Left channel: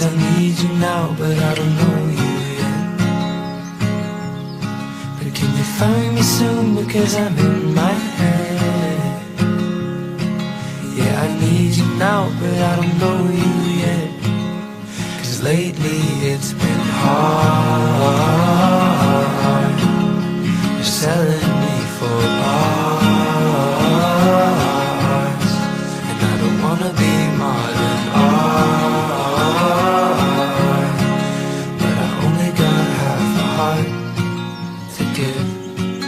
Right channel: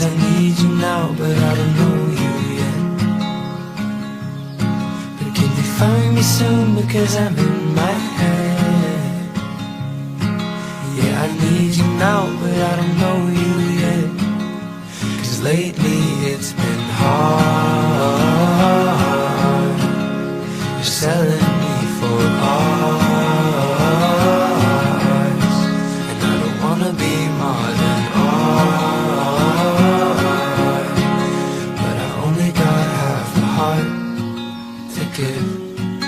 'cause I need you now, but I don't know you yet. But can you find me soon, because I'm in my head. Yeah, I need you now, but I don't know you yet. 'Cause lately it's been hard. You're selling me for a part.